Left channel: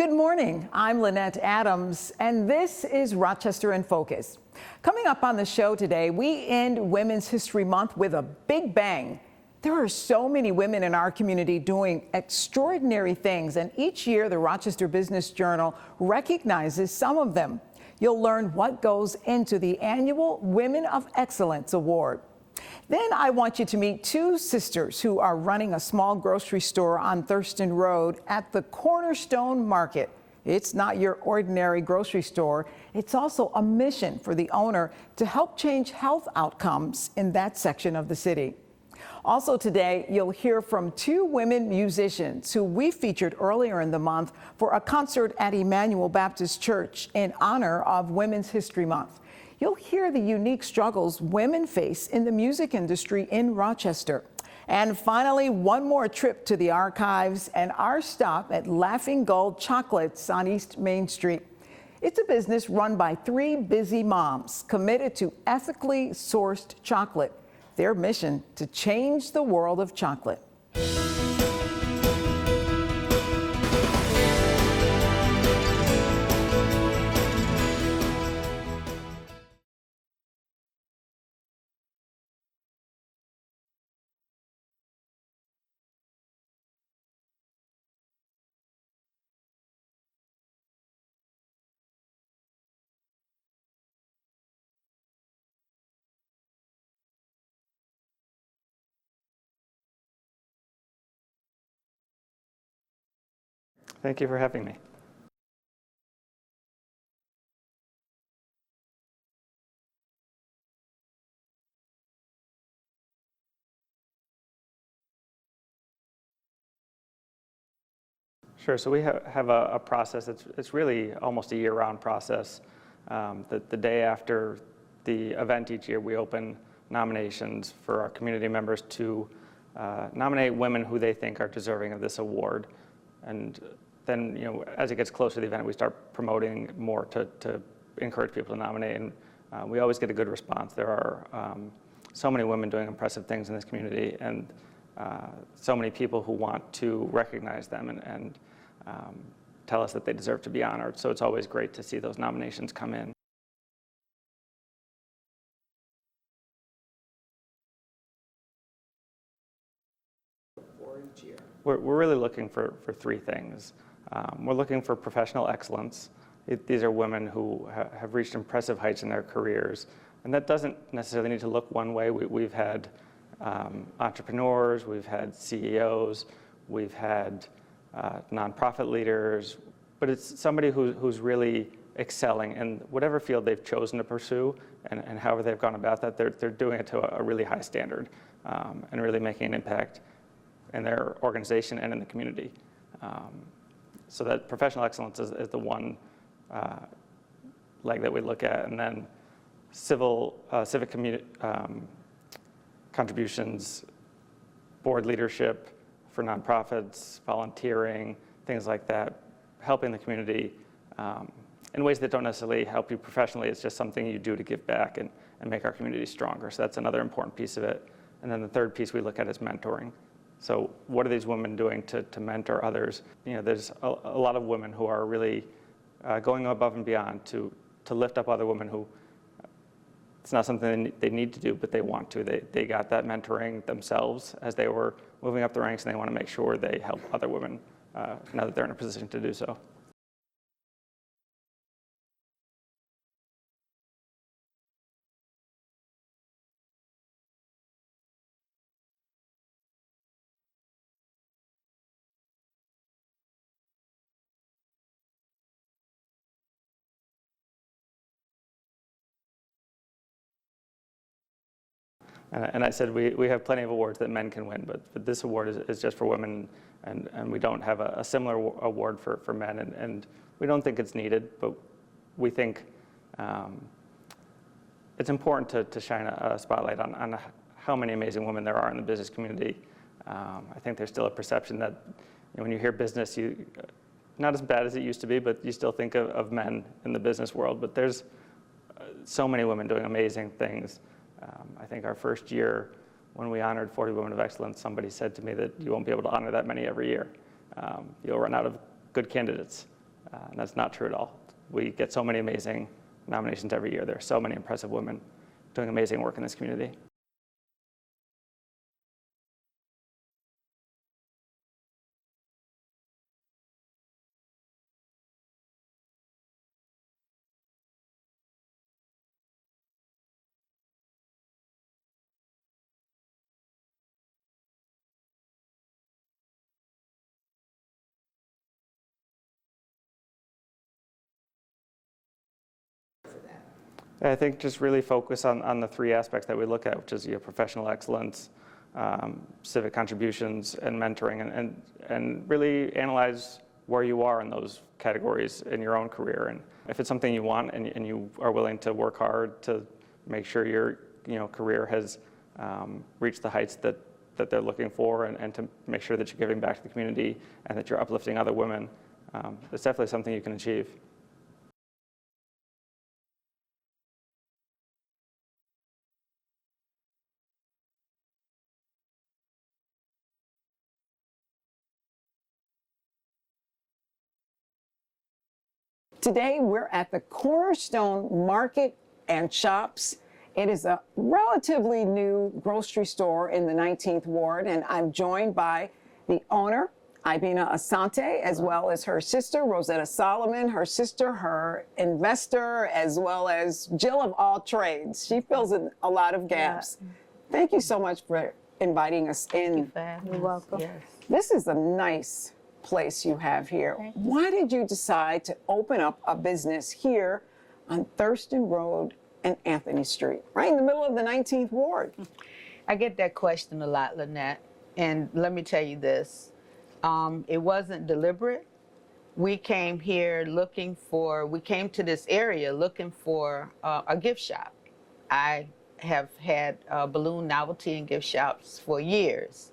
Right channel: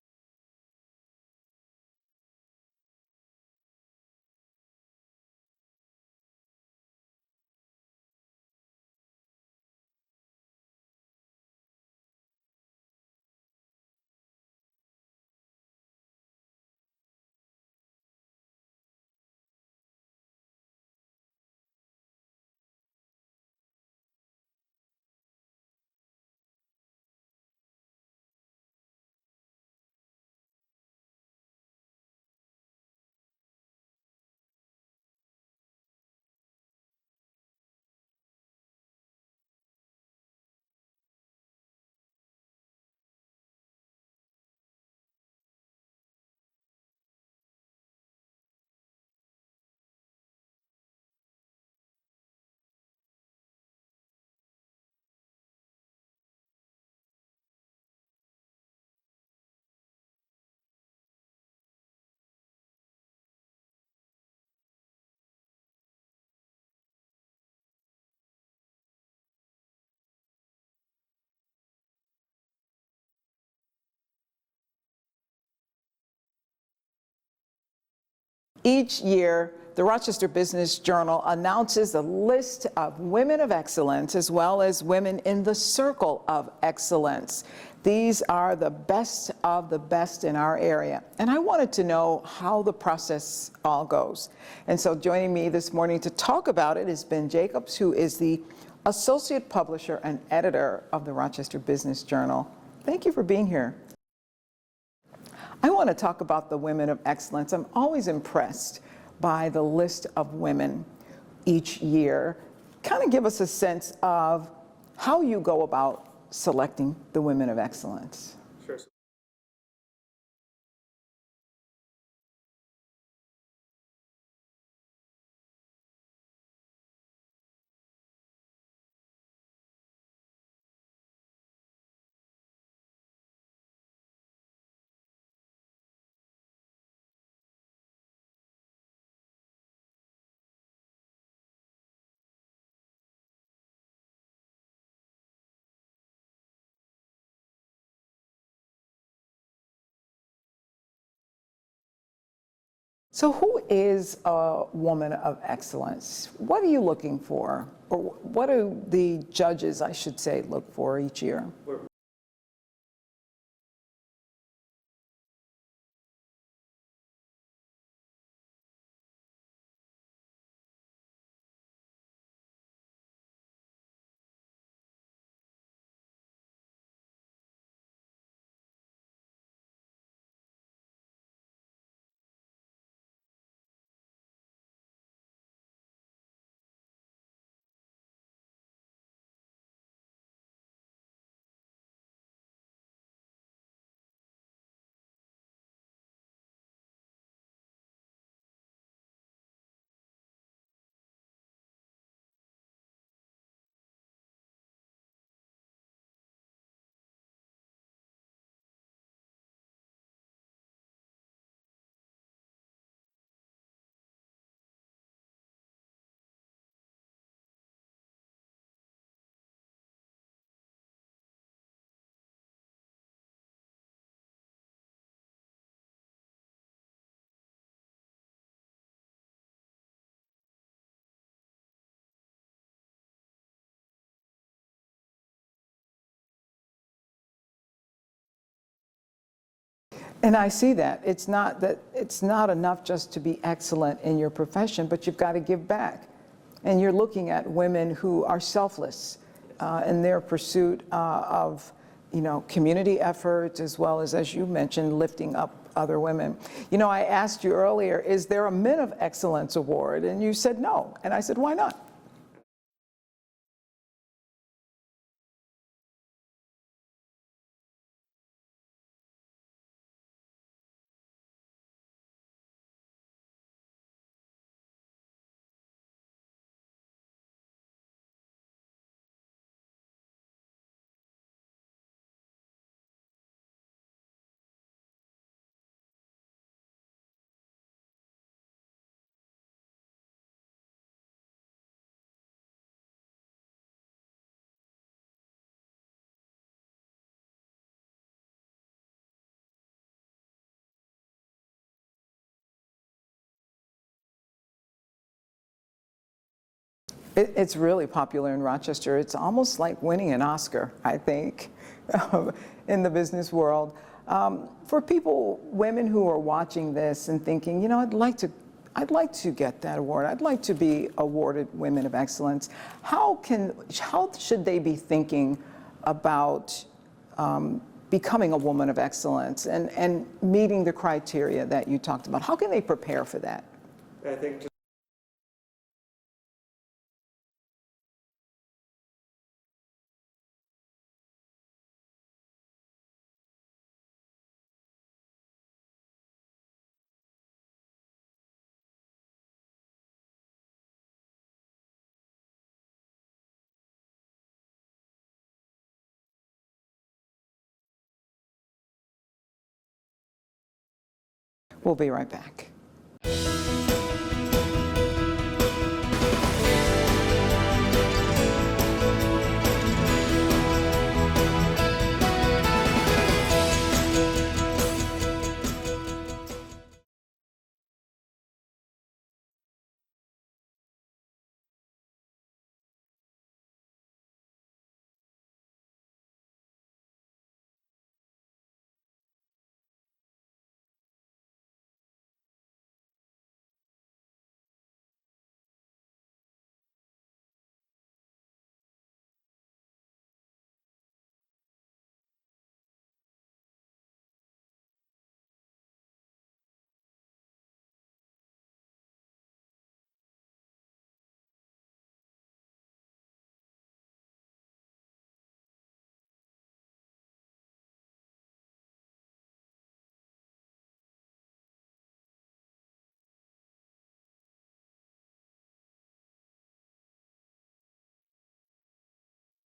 Good morning. I'm Lynette Adams, and this is Rochester in Focus. Coming up on the show today, we end Women's History Month with a big bang. There are so many women in our community doing extraordinary things, and each year the Rochester Business Journal recognizes some of them. You'll learn what goes into the annual Women of Excellence Award. Then I want you to meet two sisters who are running a small grocery store on Thurson Road at the Cornerstone Market. It's not your ordinary grocery store. It's also a mission for the owner to help change health outcomes in that section of the city. Also today, you'll hear from two women musicians who we featured earlier in the month for a concert at Emmanuel Baptist Church in honor of Women's History Month. You'll hear the unique struggles women face in the music industry in Rochester. And finally, one more trip to the archives and our stop at Laughing Gull Chocolates on East Main Street. It's a business run by three busy moms committed to ethically sourced chocolate. Their mission to change the world of chocolate. Each year, the Rochester Business Journal announces a list of women of excellence as well as women in the circle of excellence. These are the best of the best in our area. And I wanted to know how the process all goes. And so joining me this morning to talk about it is Ben Jacobs, who is the Associate Publisher and Editor of the Rochester Business Journal. Thank you for being here. Thank you for having me. I want to talk about the women of excellence. I'm always impressed by the list of women each year. Kind of give us a sense of how you go about selecting the women of excellence. Sure, so we have a process. It's really almost a year-round process. The day after the event each year, we open nominations for our community members to nominate women who they think are deserving of this award. And then, as it gets closer to the event, we start promoting more to encourage people to nominate, and we always get a good response. There are so many women doing impressive things in this community, and so many people who want to recognize them and tell us that they deserve to be honored. So it's always great to see those nominations come in. So who is a woman of excellence? What are you looking for? Or what do the judges, I should say, look for each year? We're really looking for three things. We're looking for professional excellence. These are women who have reached impressive heights in their careers. And that doesn't necessarily need to look one way. We've had entrepreneurs, we've had CEOs, we've had nonprofit leaders, but it's somebody who's really excelling in whatever field they've chosen to pursue, and however they've gone about that, they're doing it to a really high standard and really making an impact in their organization and in the community. So that professional excellence is the one leg that we look at, and then civic contributions, board leadership for nonprofits, volunteering, things like that, helping the community in ways that don't necessarily help you professionally. It's just something you do to give back and make our community stronger. So that's another important piece of it. And then the third piece we look at is mentoring. So what are these women doing to mentor others? There's a lot of women who are really going above and beyond to lift up other women who it's not something they need to do, but they want to. They got that mentoring themselves as they were moving up the ranks, and they want to make sure they help other women now that they're in a position to do so. And I see that. It's not enough just to be excellent in your profession, but you've got to give back. And you're looking at women who are selfless in their pursuit of community efforts, as well as you mentioned, lifting up other women. I asked you earlier, is there a Men of Excellence award? And you said no. And I said, why not? And I said, we have plenty of awards that men can win, but this award is just for women, and we don't have a similar award for men, and we don't think it's needed, but we think it's important to shine a spotlight on how many amazing women there are in the business community. I think there's still a perception that when you hear business, not as bad as it used to be, but you still think of men in the business world. But there's so many women doing amazing things. I think our first year, when we honored 40 Women of Excellence, somebody said to me that you won't be able to honor that many every year. You'll run out of good candidates. And that's not true at all. We get so many amazing nominations every year. There are so many impressive women doing amazing work in this community. It's really popular in Rochester. It's almost like winning an Oscar, I think, in the business world. For people, women who are watching this and thinking, you know, I'd like to get that award. I'd like to be awarded Women of Excellence. How should they be thinking about becoming a woman of excellence and meeting the criteria that you talked about? How can they prepare for that? I think just really focus on the three aspects that we look at, which is professional excellence, civic contributions, and mentoring, and really analyze where you are in those categories in your own career. And if it's something you want and you are willing to work hard to make sure your career has reached the heights that they're looking for, and to make sure that you're giving back to the community and that you're uplifting other women, it's definitely something you can achieve. We'll be right back. Today, we're at the Cornerstone Market and Shops. It is a relatively new grocery store in the 19th Ward, and I'm joined by the owner, Ibina Asante, as well as her sister, Rosetta Solomon, her sister, her investor, as well as Jill of all trades. She fills in a lot of gaps. Yeah. Thank you so much for inviting us in. You're welcome. Yes. This is a nice place you have here. Why did you decide to open up a business here on Thurson Road and Anthony Street, right in the middle of the 19th Ward? I get that question a lot, Lynette, and let me tell you this. It wasn't deliberate. We came to this area looking for a gift shop. I have had balloon novelty and gift shops for years.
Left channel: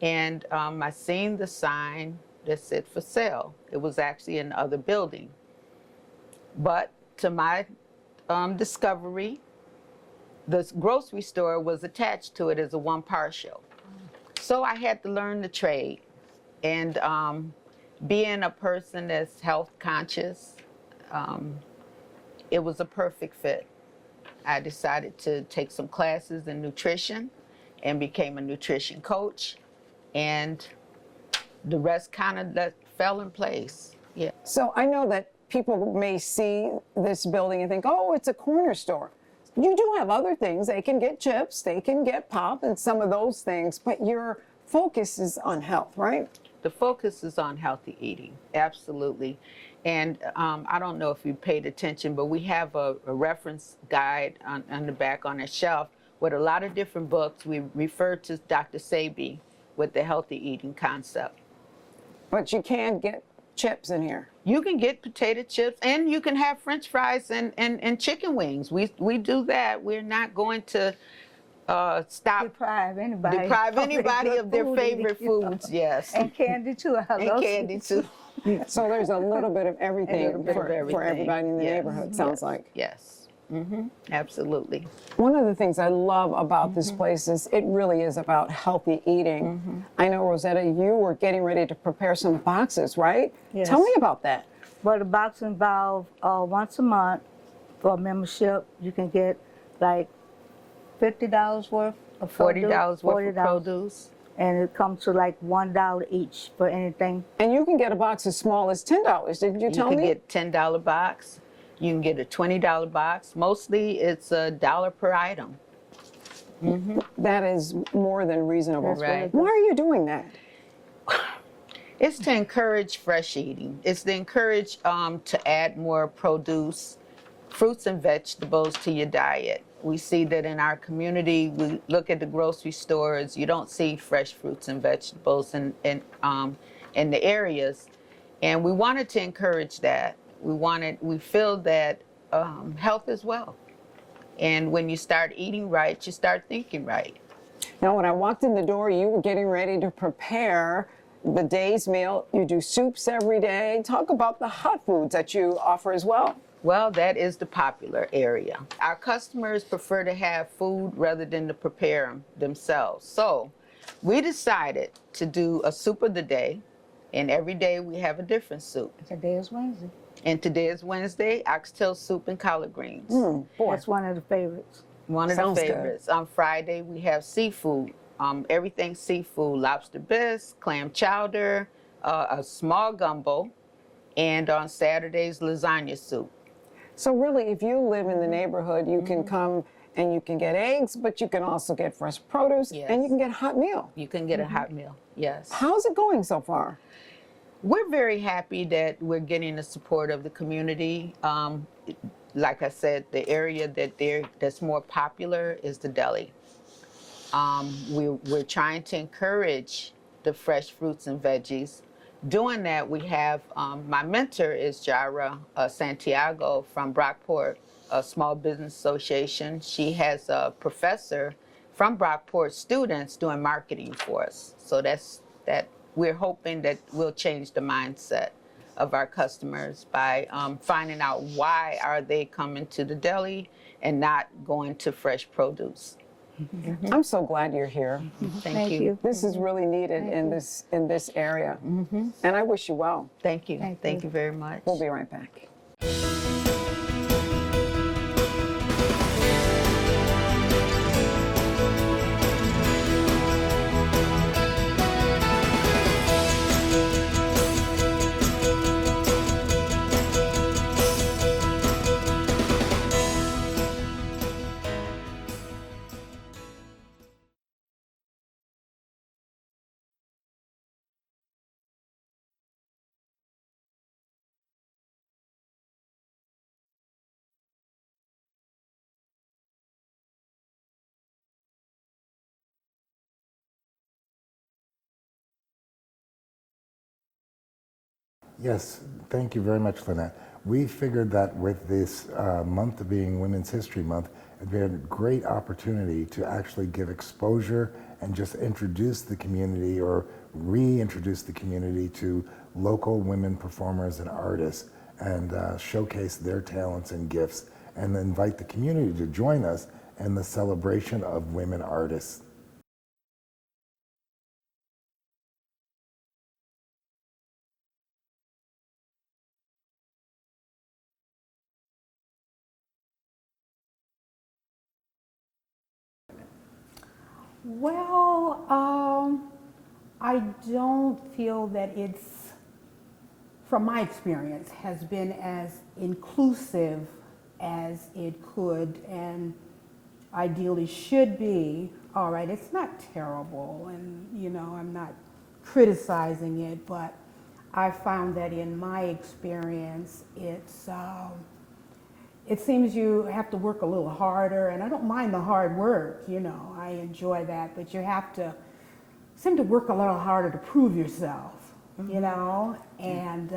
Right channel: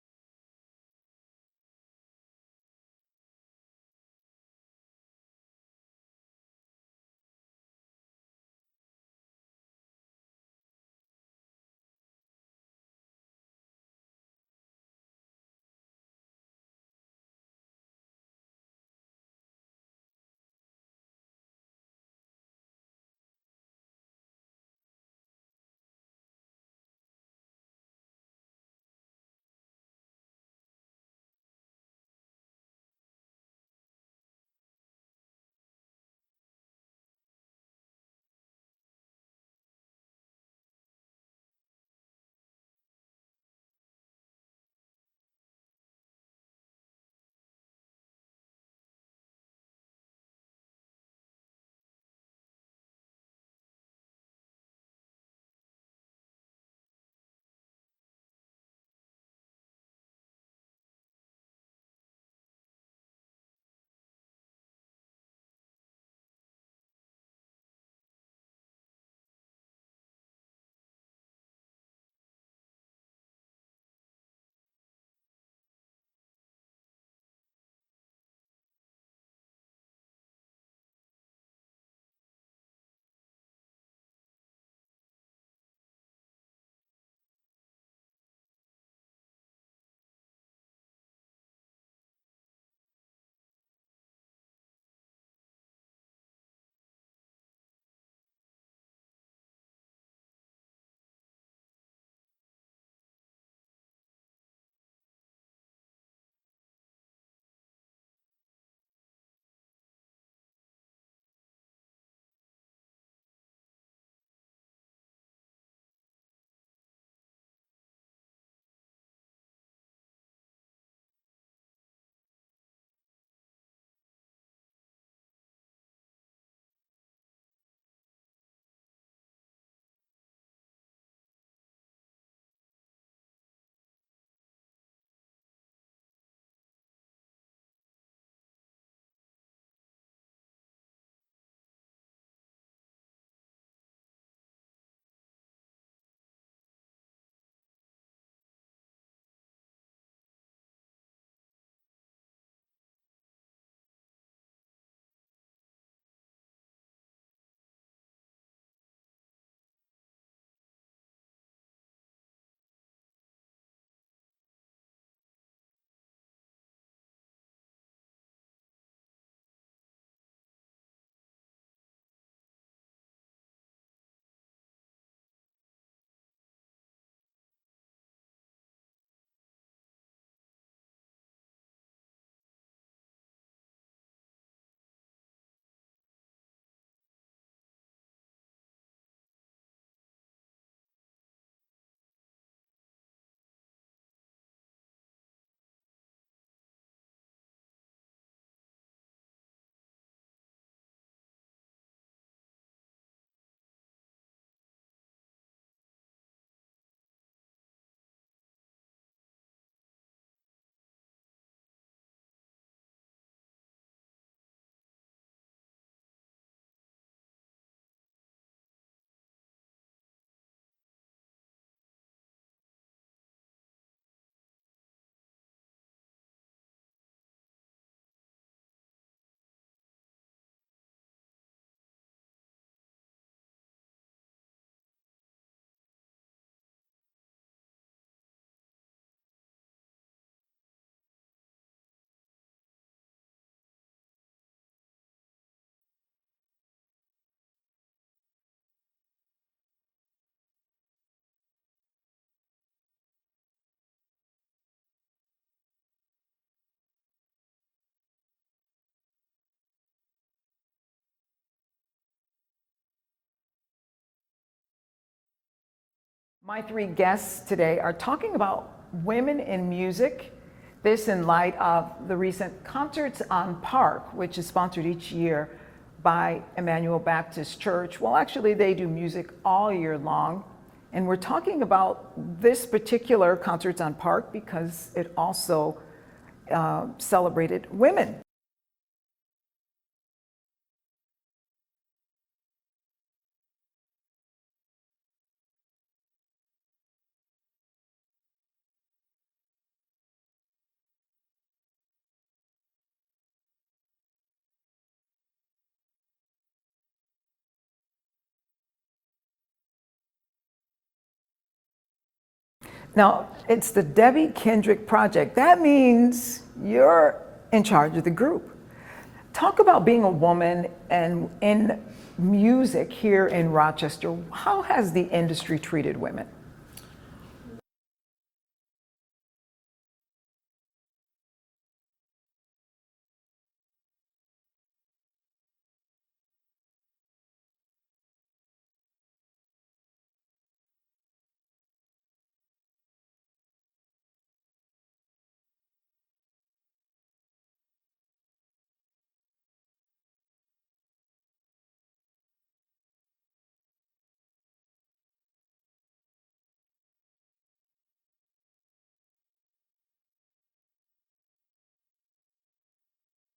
And I seen the sign that said for sale. It was actually in the other building. But to my discovery, the grocery store was attached to it as a one partial. So I had to learn the trade. And being a person that's health conscious, it was a perfect fit. I decided to take some classes in nutrition and became a nutrition coach. And the rest kind of fell in place. Yeah. So I know that people may see this building and think, oh, it's a corner store. You do have other things. They can get chips, they can get pop and some of those things, but your focus is on health, right? The focus is on healthy eating, absolutely. And I don't know if you paid attention, but we have a reference guide on the back on the shelf with a lot of different books. We refer to Dr. Sebi with the healthy eating concept. But you can get chips in here. You can get potato chips, and you can have French fries and chicken wings. We do that. We're not going to deprive anybody of their favorite foods. Yes. And candy too. And candy too. So there's a little bit of everything for everybody in the Yes. neighborhood, sounds like. Yes. Absolutely. One of the things I love about this place is it really is about healthy eating. I know, Rosetta, you were getting ready to prepare some boxes, right? Yes. Tell me about that. Well, the box involves once a month for a membership. You can get like $50 worth of $40 worth of produce. And it comes to like $1 each for anything. And you can get a box as small as $10, didn't you tell me? You can get $10 box. You can get a $20 box. Mostly it's $1 per item. That is more than reasonable. Right. Why are you doing that? It's to encourage fresh eating. It's to encourage to add more produce, fruits and vegetables to your diet. We see that in our community, we look at the grocery stores, you don't see fresh fruits and vegetables in the areas. And we wanted to encourage that. We feel that health is wealth. And when you start eating right, you start thinking right. Now, when I walked in the door, you were getting ready to prepare the day's meal. You do soups every day. Talk about the hot foods that you offer as well. Well, that is the popular area. Our customers prefer to have food rather than to prepare them themselves. So we decided to do a soup of the day. And every day we have a different soup. Today is Wednesday. And today is Wednesday, oxtail soup and collard greens. Boy, That's one of the favorites. One of Sounds the good. favorites. On Friday, we have seafood. Everything seafood, lobster bisque, clam chowder, a small gumbo, and on Saturdays, lasagna soup. so really, if you live in the neighborhood, you can come and you can get eggs, but you can also get fresh produce, Yes. and you can get a hot meal. You can get a hot meal, yes. How's it going so far? We're very happy that we're getting the support of the community. Like I said, the area that's more popular is the deli. We're trying to encourage the fresh fruits and veggies. Doing that, we have, my mentor is Jara Santiago from Brockport, a Small Business Association. She has a professor from Brockport students doing marketing for us. So that we're hoping that we'll change the mindset of our customers by finding out why are they coming to the deli and not going to fresh produce. I'm so glad you're here. Thank you. This is really needed in this area, and I wish you well. Thank you. Thank Thank you. you very much. We'll be right back. My three guests today are talking about women in music. This in light of the recent Concerts on Park, which is sponsored each year by Emmanuel Baptist Church. Well, actually, they do music all year long. And we're talking about this particular Concerts on Park because it also celebrated women. Yes, thank you very much, Lynette. We figured that with this month being Women's History Month, it'd be a great opportunity to actually give exposure and just introduce the community or reintroduce the community to local women performers and artists and showcase their talents and gifts and invite the community to join us in the celebration of women artists. Now, it's the Debbie Kendrick Project. That means you're in charge of the group. Talk about being a woman and in music here in Rochester. How has the industry treated women? Well, I don't feel that it's, from my experience, has been as inclusive as it could and ideally should be. All right, it's not terrible, and you know, I'm not criticizing it, but I found that in my experience, it seems you have to work a little harder, and I don't mind the hard work, you know, I enjoy that, but you have to seem to work a little harder to prove yourself, you know, and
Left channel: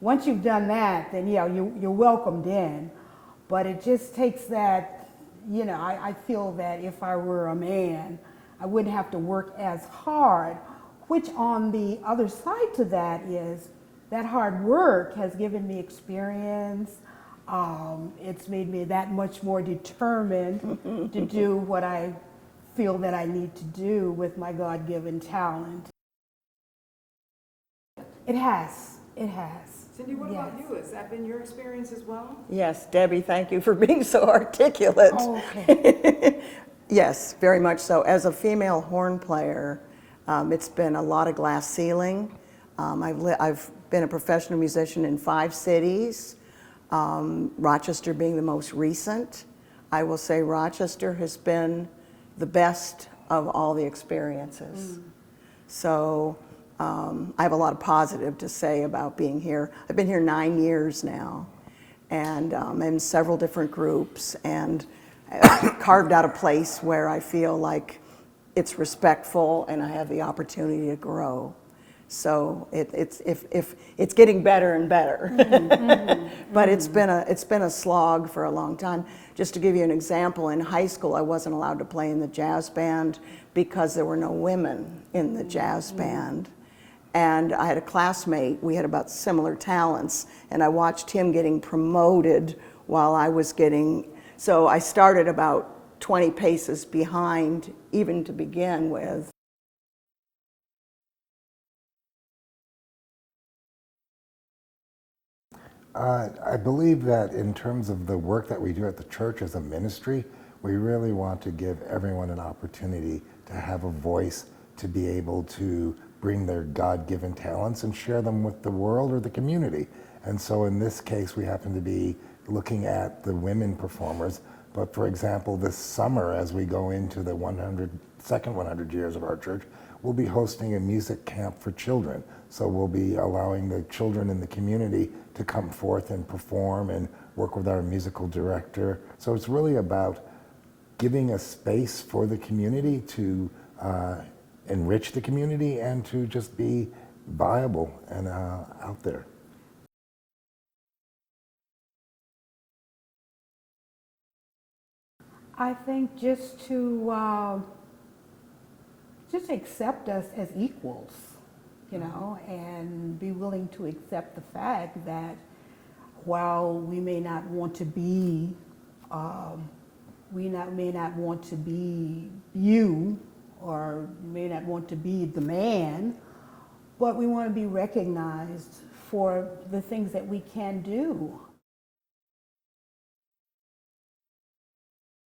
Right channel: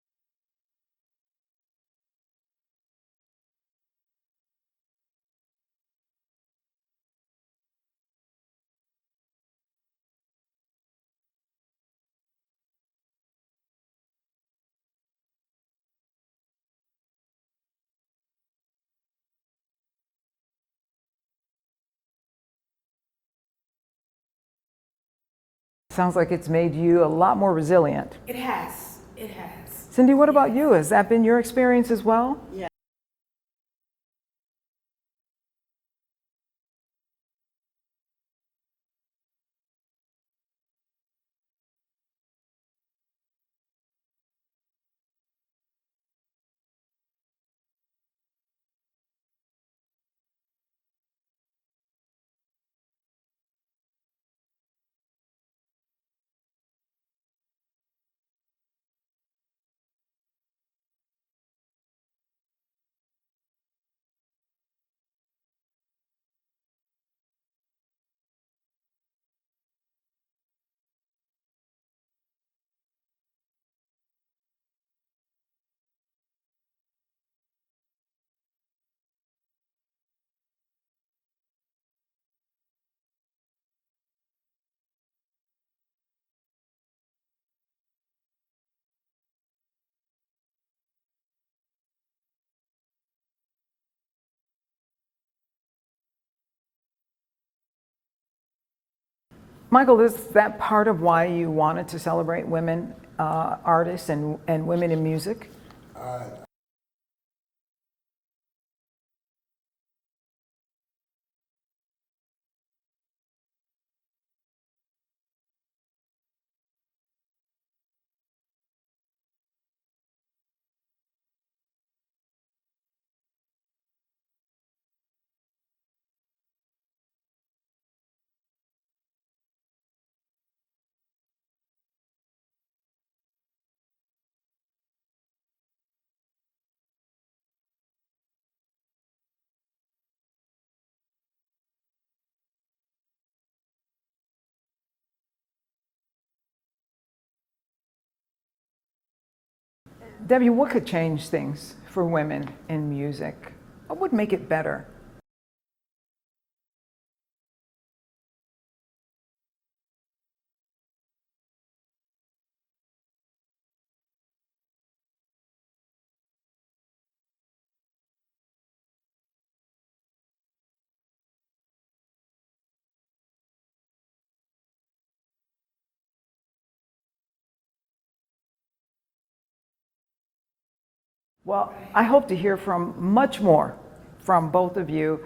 once you've done that, then yeah, you're welcomed in, but it just takes that, you know, I feel that if I were a man, I wouldn't have to work as hard, which on the other side to that is that hard work has given me experience. It's made me that much more determined to do what I feel that I need to do with my God-given talent. Sounds like it's made you a lot more resilient. It has, it has. Cindy, what about you? Has that been your experience as well? Yes, Debbie, thank you for being so articulate. Oh, okay. Yes, very much so. As a female horn player, it's been a lot of glass ceiling. I've been a professional musician in 5 cities, Rochester being the most recent. I will say Rochester has been the best of all the experiences. So I have a lot of positive to say about being here. I've been here 9 years now, and I'm in several different groups, and carved out a place where I feel like it's respectful and I have the opportunity to grow. So it's getting better and better. But it's been a slog for a long time. Just to give you an example, in high school I wasn't allowed to play in the jazz band because there were no women in the jazz band. And I had a classmate, we had about similar talents, and I watched him getting promoted while I was getting, so I started about 20 paces behind even to begin with. Michael, is that part of why you wanted to celebrate women artists and women in music? I believe that in terms of the work that we do at the church as a ministry, we really want to give everyone an opportunity to have a voice, to be able to bring their God-given talents and share them with the world or the community. And so in this case, we happen to be looking at the women performers. But for example, this summer, as we go into the 100 years of our church, we'll be hosting a music camp for children. So we'll be allowing the children in the community to come forth and perform and work with our musical director. So it's really about giving a space for the community to enrich the community and to just be viable and out there. Debbie, what could change things for women in music? What would make it better? I think just to just accept us as equals, you know, and be willing to accept the fact that while we may not want to be, may not want to be you, or may not want to be the man, but we want to be recognized for the things that we can do. Well, I hope to hear from much more from both of you,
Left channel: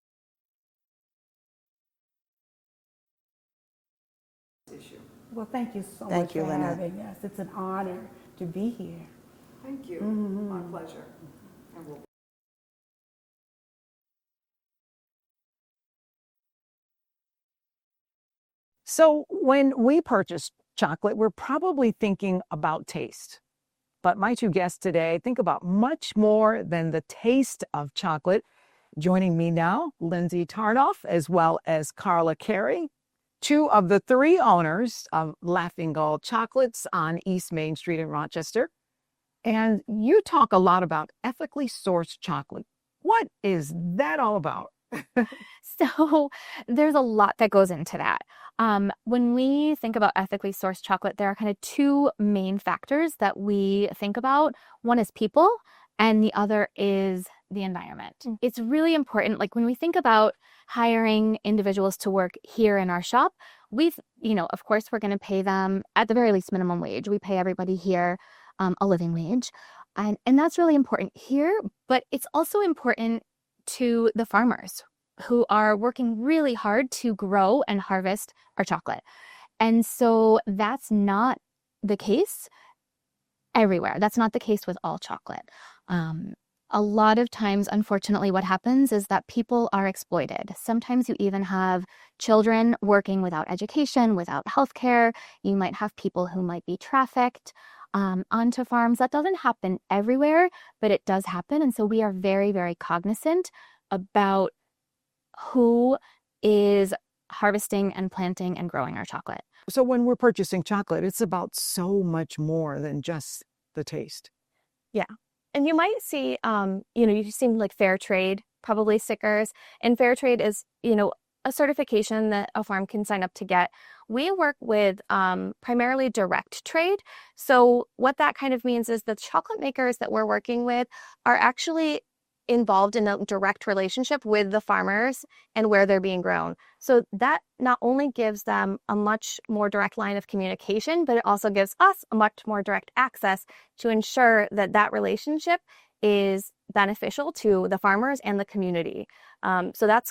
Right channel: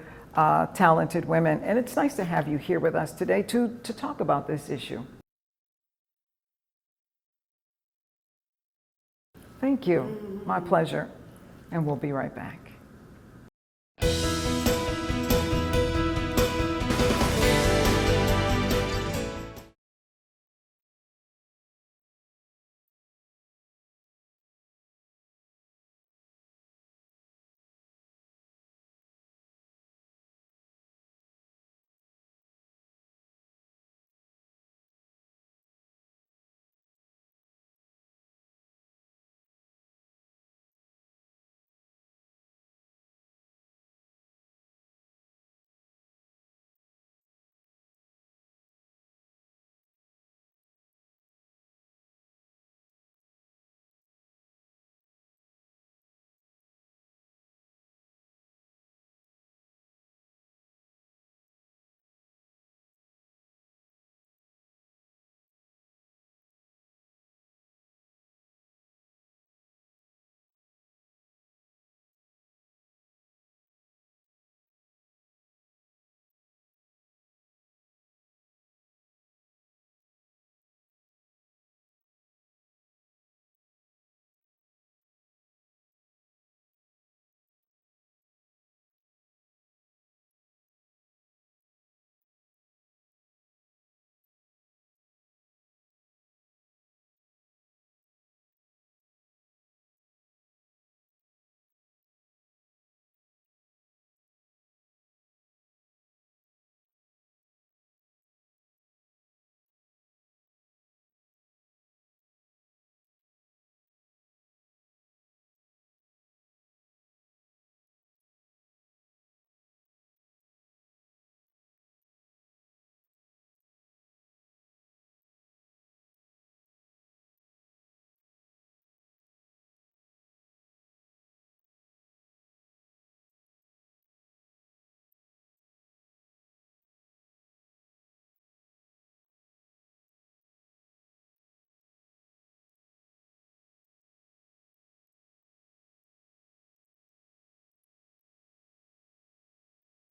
talented women. And it's nice to have you here with us today to talk about this issue. Well, thank you so Thank much you, for Lynette. having us. It's an honor to be here. Thank you. My pleasure. And we'll be right back. So when we purchase chocolate, we're probably thinking about taste. But my two guests today think about much more than the taste of chocolate. Joining me now, Lindsay Tarnoff, as well as Carla Carey, two of the three owners of Laughing Gull Chocolates on East Main Street in Rochester. And you talk a lot about ethically sourced chocolate. What is that all about? So there's a lot that goes into that. When we think about ethically sourced chocolate, there are kind of two main factors that we think about. One is people, and the other is the environment. It's really important. Like when we think about hiring individuals to work here in our shop, of course, we're going to pay them at the very least minimum wage. We pay everybody here a living wage. And that's really important here, but it's also important to the farmers who are working really hard to grow and harvest our chocolate. And so that's not the case everywhere. That's not the case with all chocolate. A lot of times, unfortunately, what happens is that people are exploited. Sometimes you even have children working without education, without healthcare. You might have people who might be trafficked onto farms. That doesn't happen everywhere, but it does happen. And so we are very, very cognizant about who is harvesting and planting and growing our chocolate. So when we're purchasing chocolate, it's about so much more than just the taste. Yeah. And you might see, you've seen like fair trade, probably stickers. And fair trade is, a certification that a farm can sign up to get. We work with primarily direct trade. So what that kind of means is the chocolate makers that we're working with are actually involved in a direct relationship with the farmers and where they're being grown. So that not only gives them a much more direct line of communication, but it also gives us a much more direct access to ensure that that relationship is beneficial to the farmers and the community. So that's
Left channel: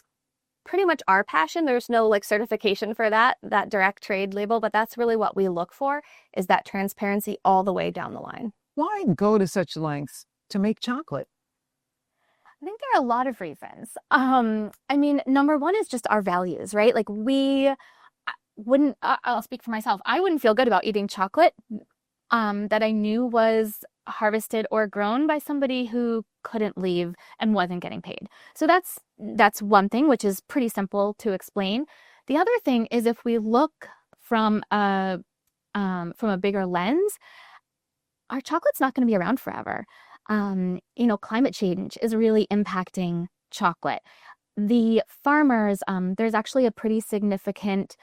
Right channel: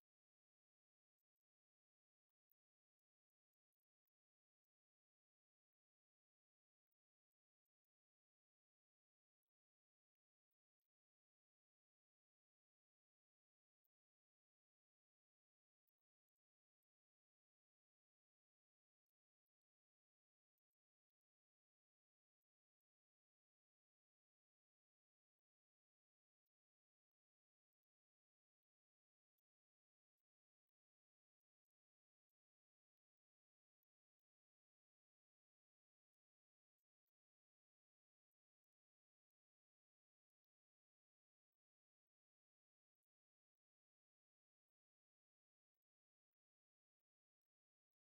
pretty much our passion. There's no certification for that direct trade label, but that's really what we look for, is that transparency all the way down the line. Why go to such lengths to make chocolate? I think there are a lot of reasons. Number one is just our values, right? Like I'll speak for myself. I wouldn't feel good about eating chocolate that I knew was harvested or grown by somebody who couldn't leave and wasn't getting paid. So that's one thing, which is pretty simple to explain. The other thing is, if we look from a bigger lens, our chocolate's not going to be around forever. Climate change is really impacting chocolate. The farmers, there's actually a pretty significant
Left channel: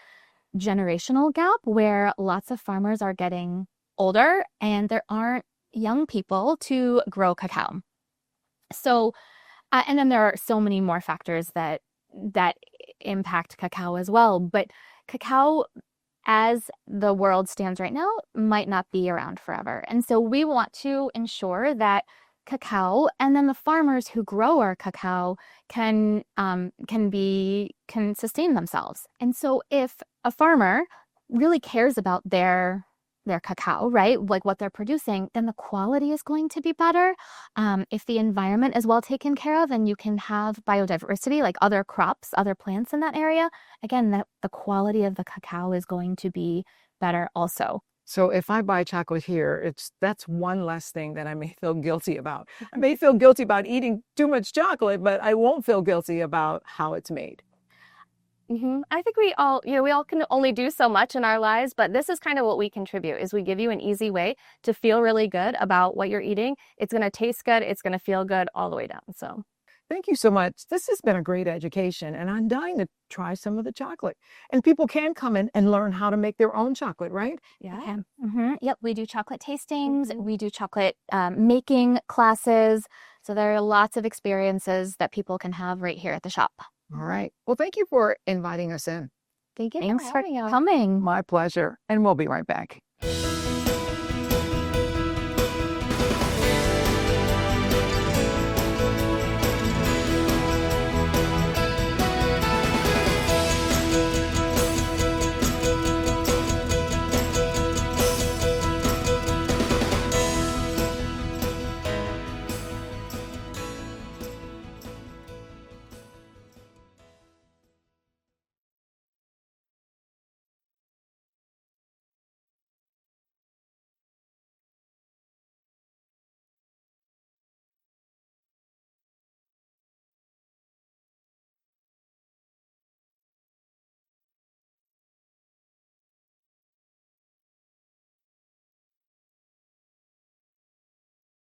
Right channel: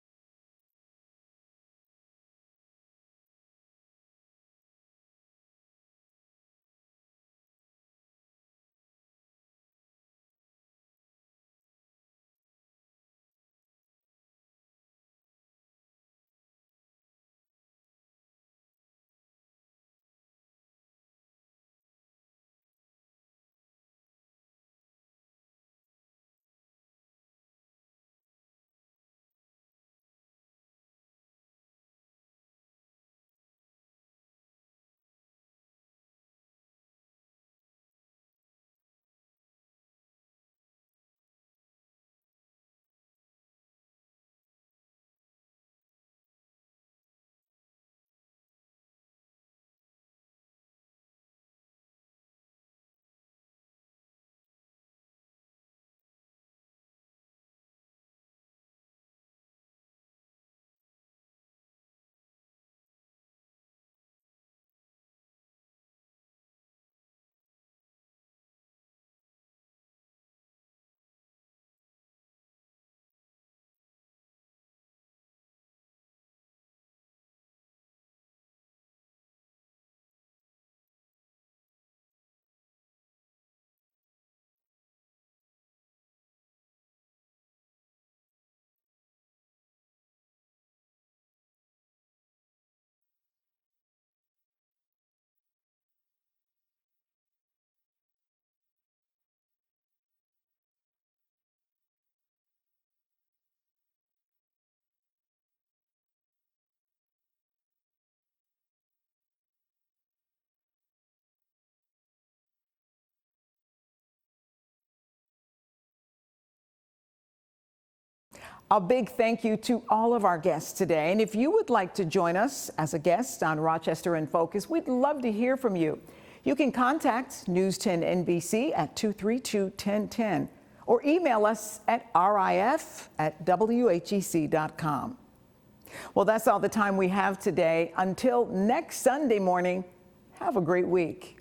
generational gap where lots of farmers are getting older and there aren't young people to grow cacao. So, and then there are so many more factors that impact cacao as well. But cacao as the world stands right now, might not be around forever. And so we want to ensure that cacao and then the farmers who grow our cacao can sustain themselves. And so if a farmer really cares about their cacao, right? Like what they're producing, then the quality is going to be better. If the environment is well taken care of and you can have biodiversity, like other crops, other plants in that area, again, the quality of the cacao is going to be better also. So if I buy chocolate here, that's one less thing that I may feel guilty about. I may feel guilty about eating too much chocolate, but I won't feel guilty about how it's made. I think we all can only do so much in our lives, but this is kind of what we contribute, is we give you an easy way to feel really good about what you're eating. It's going to taste good. It's going to feel good all the way down. So Thank you so much. This has been a great education, and I'm dying to try some of the chocolate. And people can come in and learn how to make their own chocolate, right? yeah. Okay. Yep, we do chocolate tastings, we do chocolate making classes. So there are lots of experiences that people can have right here at the shop. All right. Well, thank you for inviting us in. Thank you Thanks for having us. coming. My pleasure. And we'll be right back. A big thank you to all of our guests today. And if you would like to join us as a guest on Rochester in Focus, we'd love to hear from you. You can contact News 10 NBC at 232-1010 or email us at rif@whec.com. Well, that's all the time we have today. Until next Sunday morning, have a great week.